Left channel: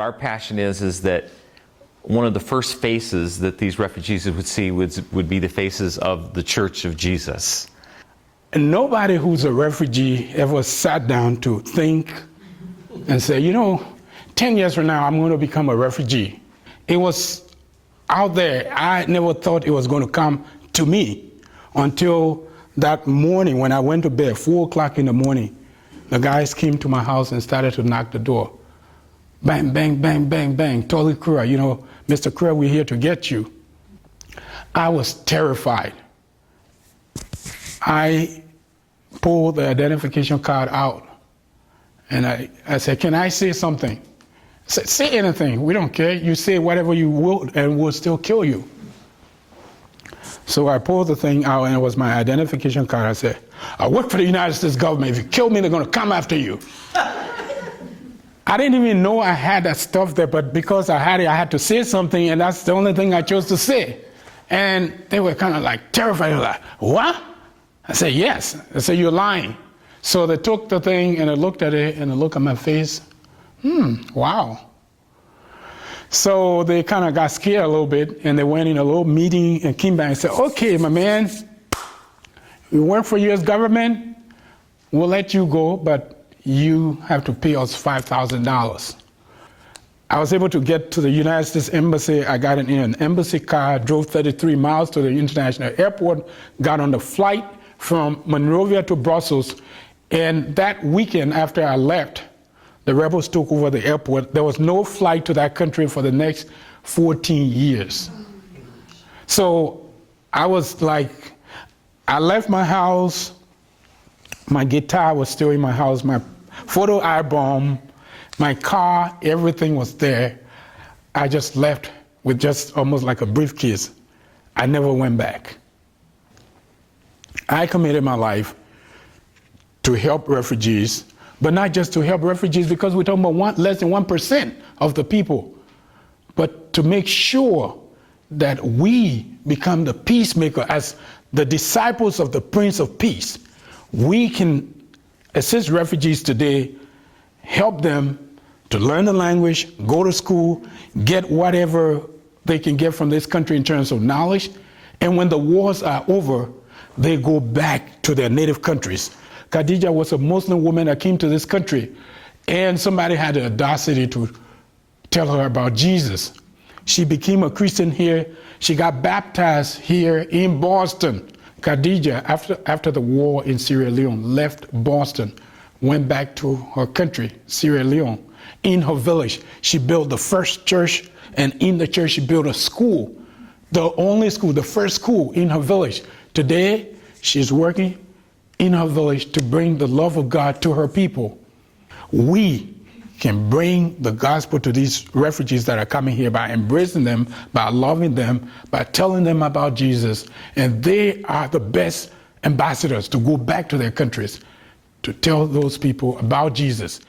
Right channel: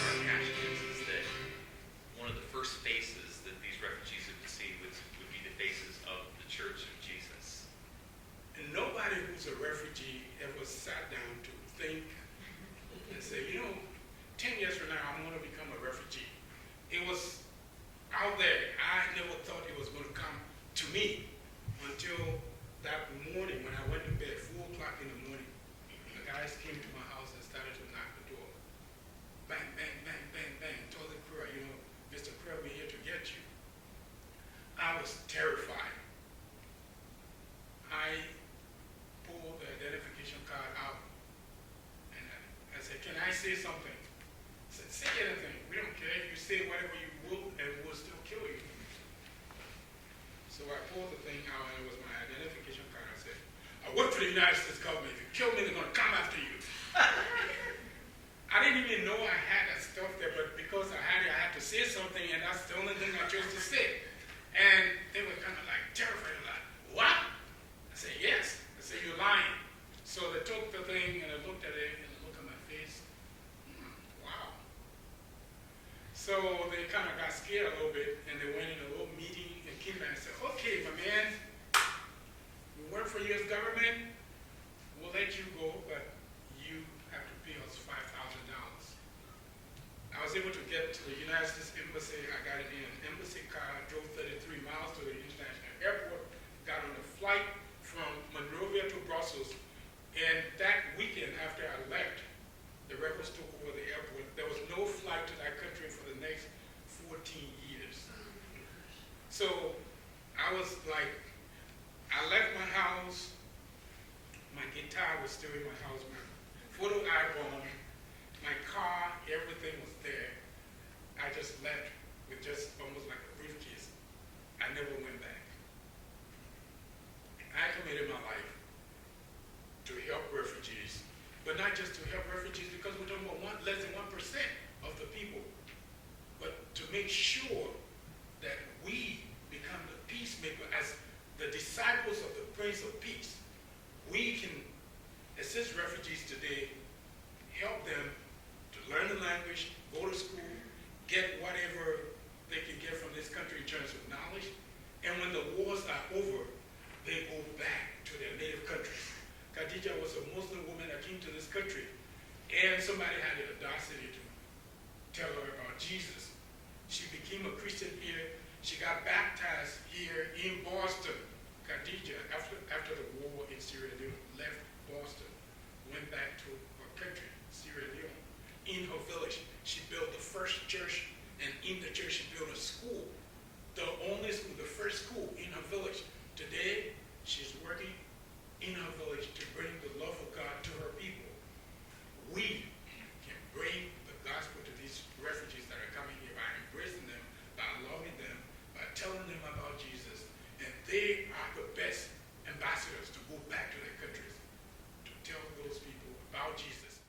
our passion is that one of the first faces that these refugees would see would be the faces of the Church of Jesus. And nobody who's a refugee ever sat down to think and say, 10 years from now, I'm going to become a refugee. It was out there. I never thought it was going to come to me until that morning when I went to bed, 4 o'clock in the morning. The guys came to my house and started to knock the door. Bang, bang, bang, bang, bang. Tolly Kura, Mr. Kura, we're here to get you. I was terrified. I pulled the identification card out and I said, can I say something? I said, say anything, we don't care. You say whatever you will and we'll still kill you. So I pulled the thing out and it was my identification card. I said, I work for the United States government. If you kill me, they're gonna come after you. I didn't even know I had that stuff there, but because I had it, I had to say something, and that's the only thing I chose to say. And they were kind of like terrified, like, what? I said, yes. I said, you're lying. So they took the thing and they looked at it and they looked at my face. Wow. So they kind of got scared a little bit and they went in a little meeting and came back and said, okay, my man, we work for U.S. government, we'll let you go, but you have to pay us $5,000. I was able to get to the United States Embassy. I got in an embassy car, drove 33 miles to the international airport, got on the flight from Monrovia to Brussels, and that weekend after I left, the rebels took over the airport. There was no flight to that country for the next 14 years. So I was like, I left my house, my guitar was still in my house, my photo album, my car, everything was there. I just left with just almost like a briefcase. I never went back. I committed my life to help refugees, but not just to help refugees because we're talking about less than 1% of the people, but to make sure that we become the peacemaker as the disciples of the Prince of Peace. We can assist refugees today, help them to learn the language, go to school, get whatever they can get from this country in terms of knowledge, and when the wars are over, they go back to their native countries. Khadija was a Muslim woman that came to this country, and somebody had the audacity to tell her about Jesus. She became a Christian here. She got baptized here in Boston. Khadija, after the war in Sierra Leone, left Boston, went back to her country, Sierra Leone. In her village, she built the first church, and in the church she built a school, the only school, the first school in her village. Today, she's working in her village to bring the love of God to her people. We can bring the gospel to these refugees that are coming here by embracing them, by loving them, by telling them about Jesus. And they are the best ambassadors to go back to their countries to tell those people about Jesus.